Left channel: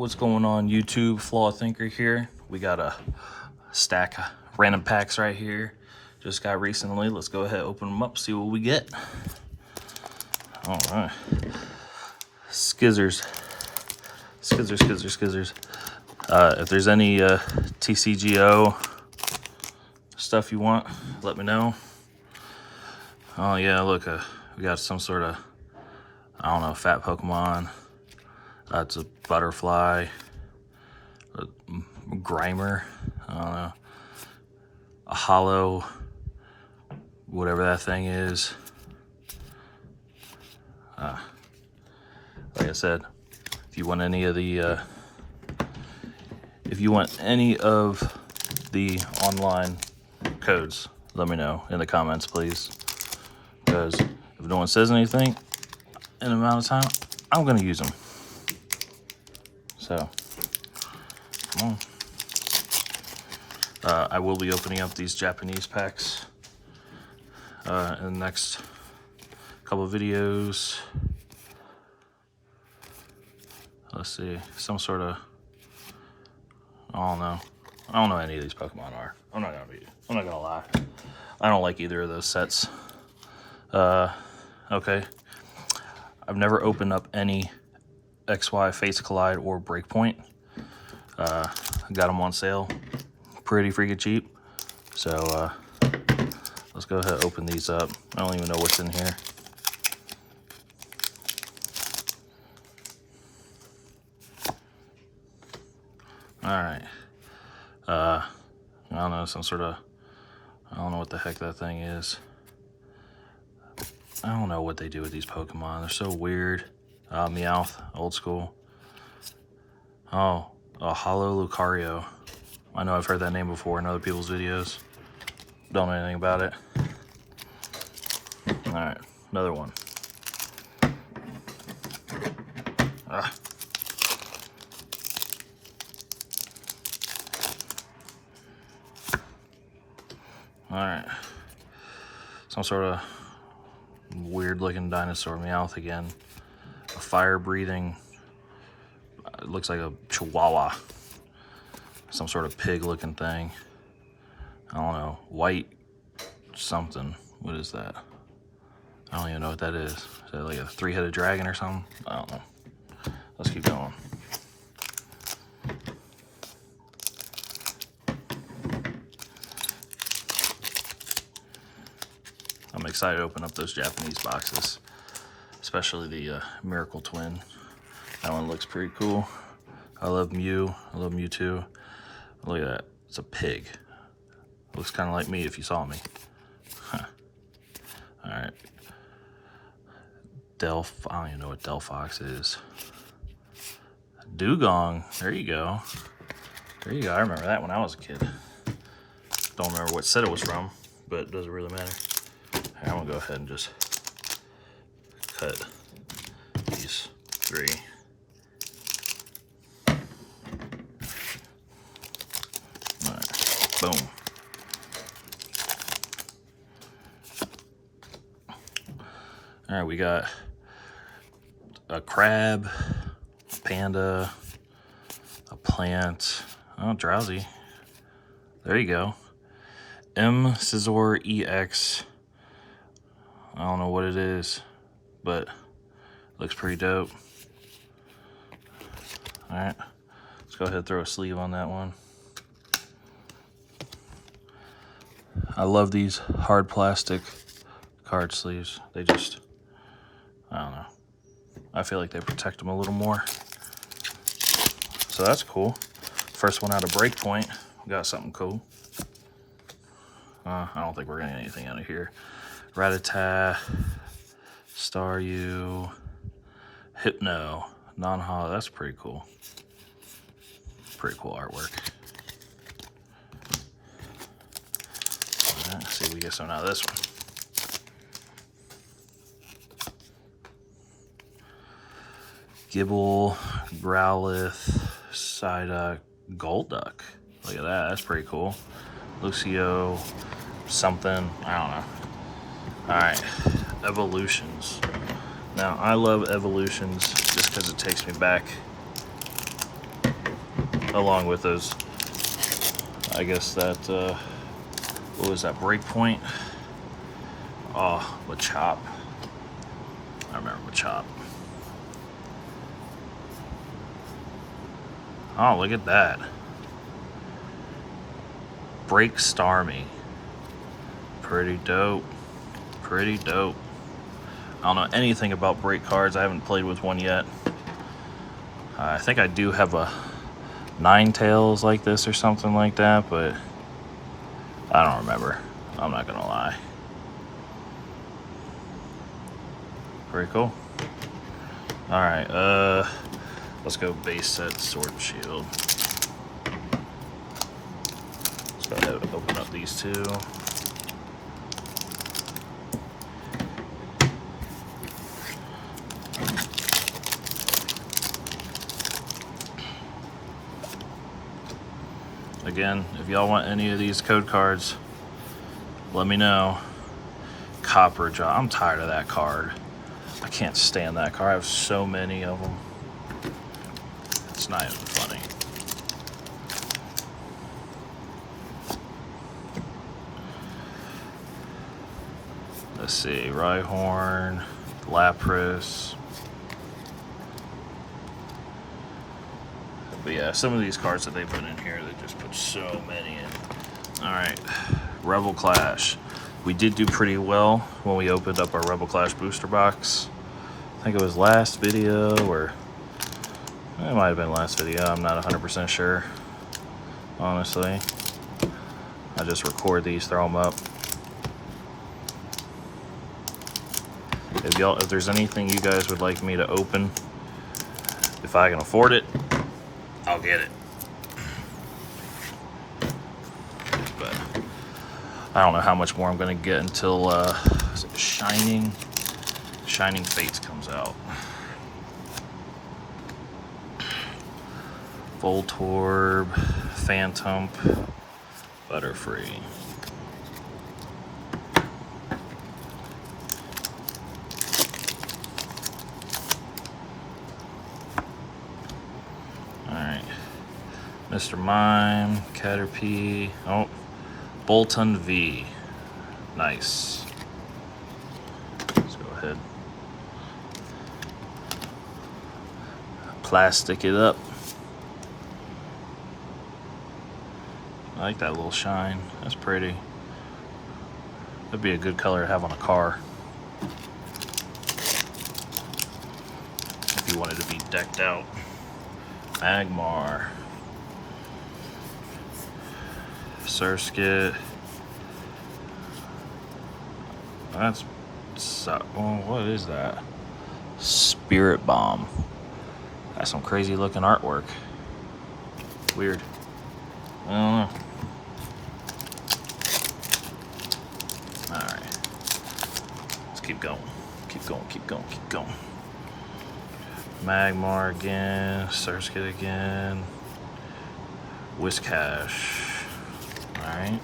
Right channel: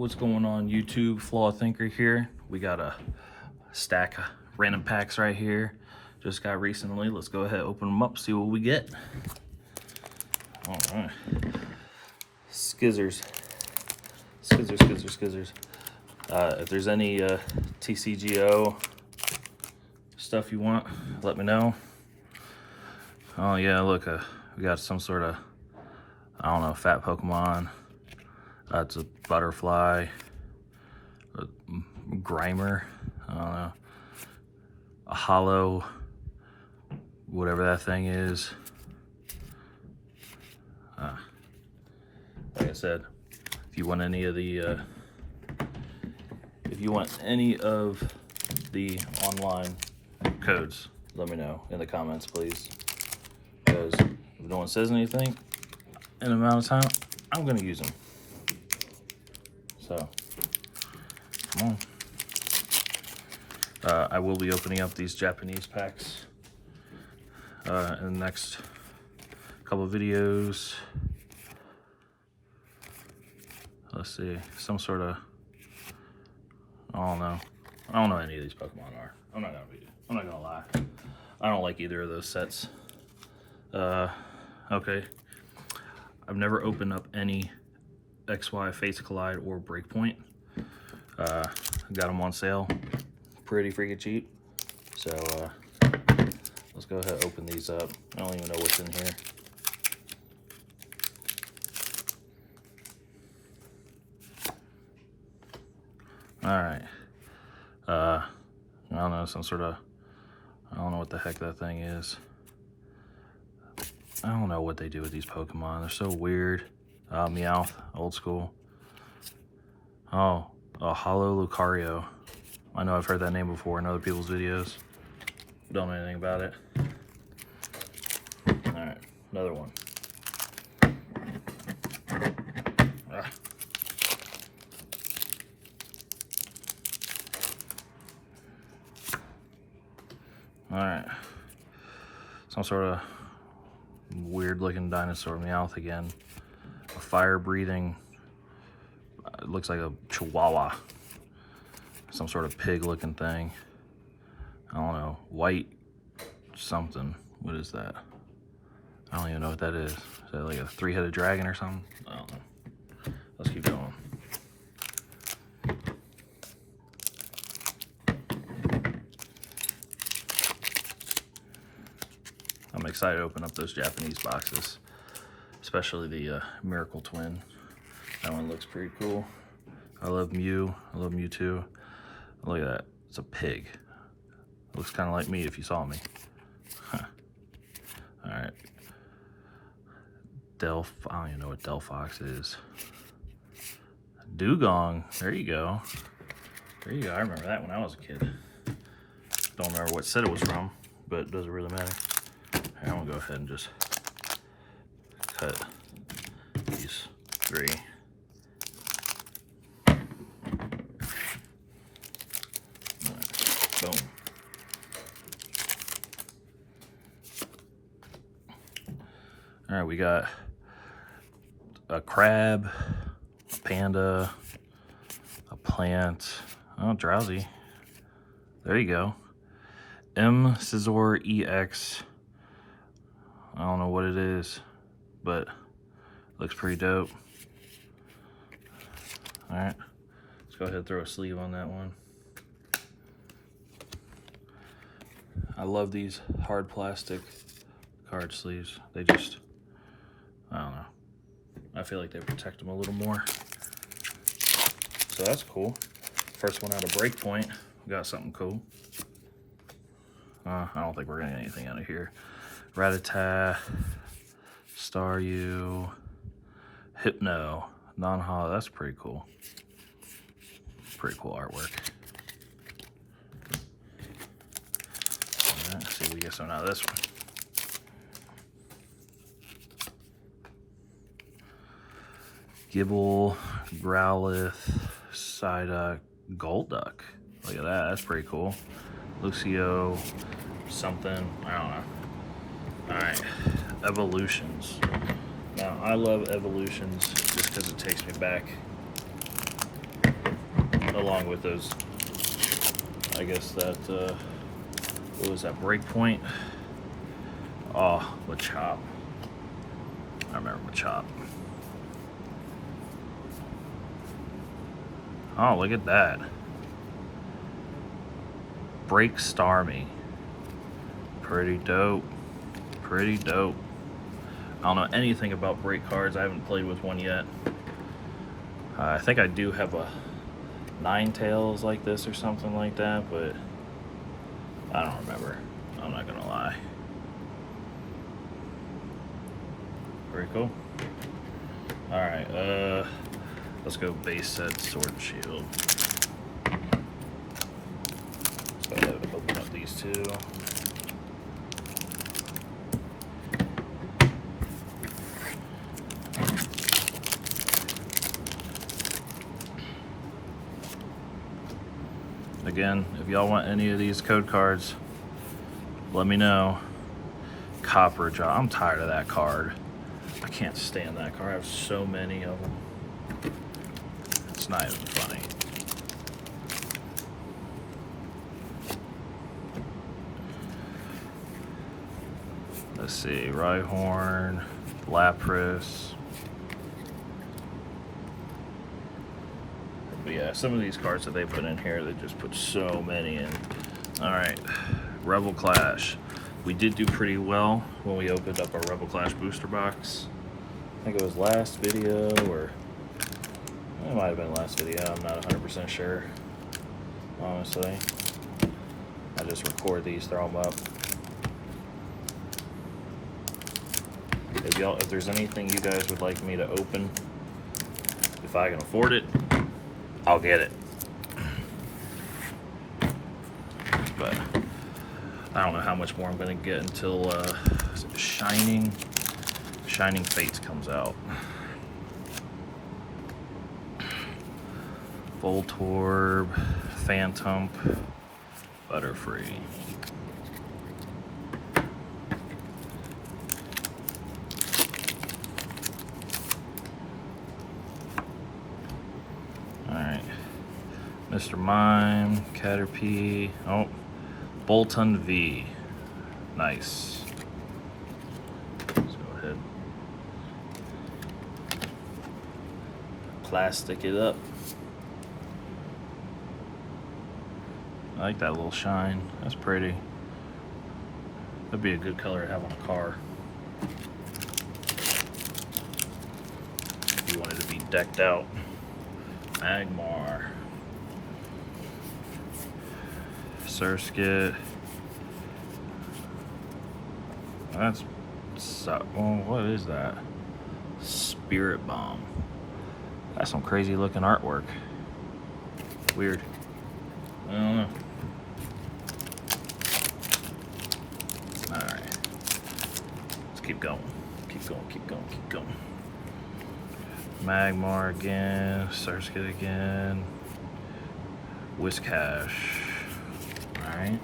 What's going on YouTube? Flaw Thinker here. We got a stack of random packs right here. Just got recently. Let's go ahead, open them up, see what we get. All right. Skizzers. If there's any TCGO stuff you want, let me know. Oh yeah, look, we got some sort of, I don't know, fat Pokemon. It's a butterfly, a Grimer, I don't know, a hollow, whatever that thing is. Like I said, if you want any of the, online codes, let me know in the comments, please. Because if no one says anything in an amount of time, I'm gonna use them. So, come on. I will be opening up these Japanese packs in the next couple of videos. Let's see, some sort of, I don't know any of these Pokemon are. I'm not gonna lie. I don't like either of those sets. Okay. I've never opened up any XY Fates Collide or Breakpoint. I got them on sale, pretty freaking cheap. So let's go ahead and open these up. I don't even know what's in here. All right. I don't know, some sort of, I don't know what the heck that thing is. I don't know what they do with these Pokemon. They're so weird. Meowth, old school. Oh, a Hollow Lucario. I know I've heard that name before in other people's videos. Don't know anything about it. All right, another one. Ah. All right, some sort of weird looking dinosaur, Meowth again. A fire breathing, it looks like a Chihuahua. Some sort of pig looking thing. I don't know, white something. What is that? I don't even know what that is. Is that like a three-headed dragon or something? I don't know. Let's keep going. I'm excited to open up those Japanese boxes, especially the Miracle Twin. That one looks pretty cool. I love Mew. I love Mewtwo. Look at that. It's a pig. Looks kind of like me if you saw me. Huh. All right. I don't even know what Delphox is. Dugong. There you go. There you go. I remember that when I was a kid. Don't remember what set it was from, but it doesn't really matter. I'm gonna go ahead and just cut these three. All right, boom. All right, we got a crab, a panda, a plant. Oh, Drowsy. There you go. M Scizor EX. I don't know what it is, but looks pretty dope. All right, let's go ahead and throw a sleeve on that one. I love these hard plastic card sleeves. They just, I don't know. I feel like they protect them a little more. So that's cool. First one out of Breakpoint. We got something cool. I don't think we're gonna get anything out of here. Rattata, Staryu, Hypno, non-hollow. That's pretty cool. Pretty cool artwork. All right, let's see if we get something out of this one. Gibble, Growlithe, Psyduck, Golduck. Look at that. That's pretty cool. Lucio, something. I don't know. Alright, Evolutions. Now, I love Evolutions just because it takes me back along with those, I guess that, what was that, Breakpoint? Oh, Machop. I remember Machop. Oh, look at that. Break Starmie. Pretty dope. Pretty dope. I don't know anything about break cards. I haven't played with one yet. I think I do have a Ninetales like this or something like that, but I don't remember. I'm not gonna lie. Very cool. Alright, let's go base set Sword and Shield. Let's go ahead and open up these two. Again, if y'all want any of these code cards, let me know. Copper Jaw. I'm tired of that card. I can't stand that card. I have so many of them. It's not even funny. Let's see. Rhyhorn, Lapras. But yeah, some of these cards that they put in here, they just put so many in. Alright, Rebel Clash. We did do pretty well when we opened up our Rebel Clash booster box. I think it was last video, or it might have been last video. I'm not 100% sure, honestly. I just record these, throw them up. If there's anything you guys would like me to open, if I can afford it, I'll get it. But I don't know how much more I'm gonna get until is it Shining Fates comes out. Voltorb, Phantom, Butterfree. Alright. Mr. Mime, Caterpie, oh, Bolton V. Nice. Let's go ahead. Plastic it up. I like that little shine. That's pretty. That'd be a good color to have on a car. If you wanted to be decked out. Magmar. Surskit. That's, oh, what is that? Spirit Bomb. That's some crazy looking artwork. Weird. I don't know. Alright. Let's keep going. Keep going, keep going, keep going. Magmar again. Surskit again. Whiscash. Alright.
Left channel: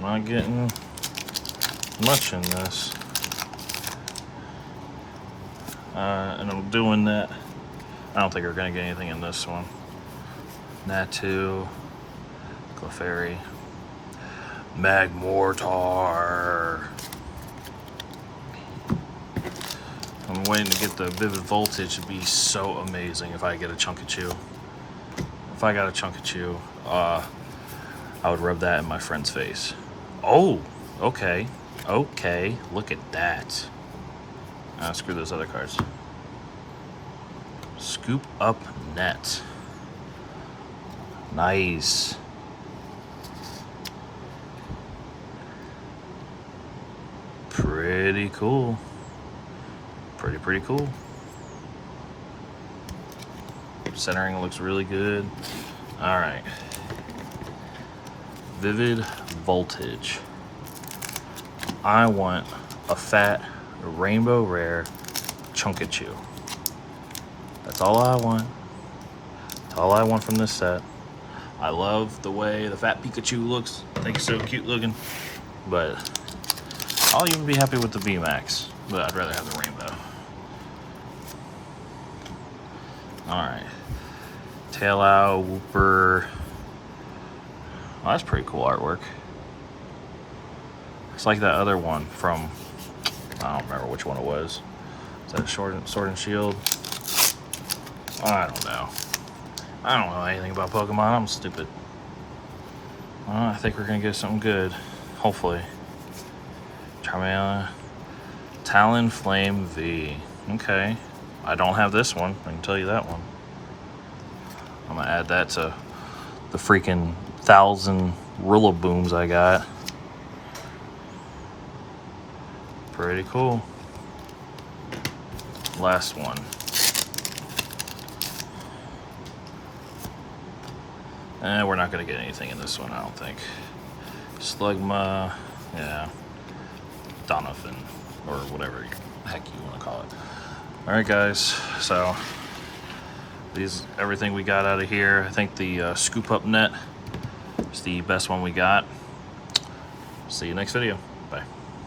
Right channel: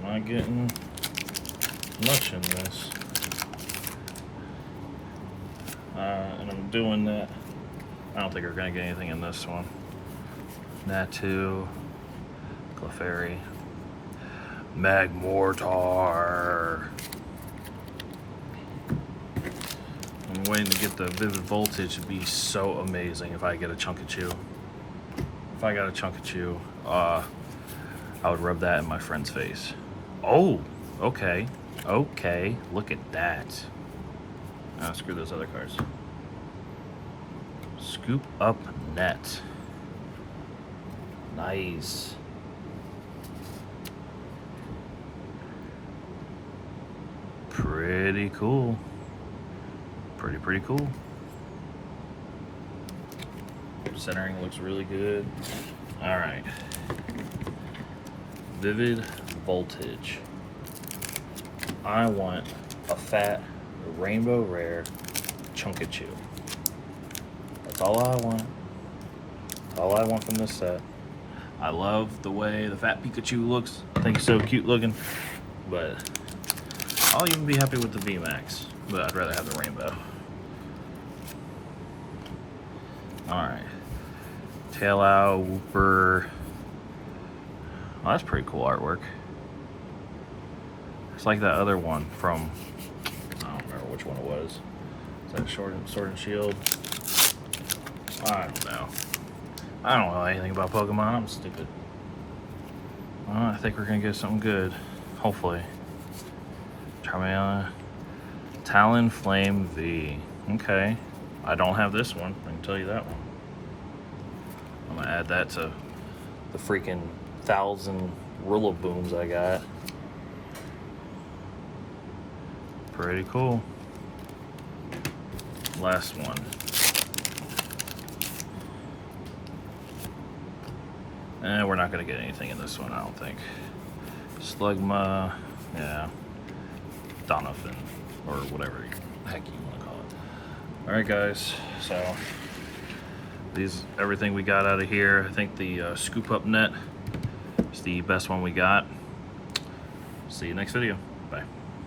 Not getting much in this. And I'm doing that. I don't think we're going to get anything in this one. Natu. Clefairy. Magmortar. I'm waiting to get the Vivid Voltage to be so amazing if I get a Chunkachu. If I got a Chunkachu, I would rub that in my friend's face. Oh, okay. Okay, look at that. Screw those other cards. Scoop Up Net. Nice. Pretty cool. Pretty cool. Centering looks really good. All right. Vivid Voltage. I want a fat rainbow rare Chunkachu. That's all I want. That's all I want from this set. I love the way the fat Pikachu looks. I think it's so cute looking. But I'll even be happy with the VMAX. But I'd rather have the rainbow. Alright. Tail out, Wooper. Oh, that's pretty cool artwork. It's like that other one from, I don't remember which one it was. Is that Sword and Shield? I don't know. I don't know anything about Pokemon. I'm stupid. Well, I think we're gonna get something good. Hopefully. Charmander. Talonflame V. Okay. I don't have this one. I can tell you that one. I'm gonna add that to the freaking 1,000 Rillabooms I got. Pretty cool. Last one. We're not gonna get anything in this one, I don't think. Slugma, yeah. Donovan, or whatever the heck you want to call it. Alright guys, so everything we got out of here. I think the scoop up net is the best one we got. See you next video. Bye.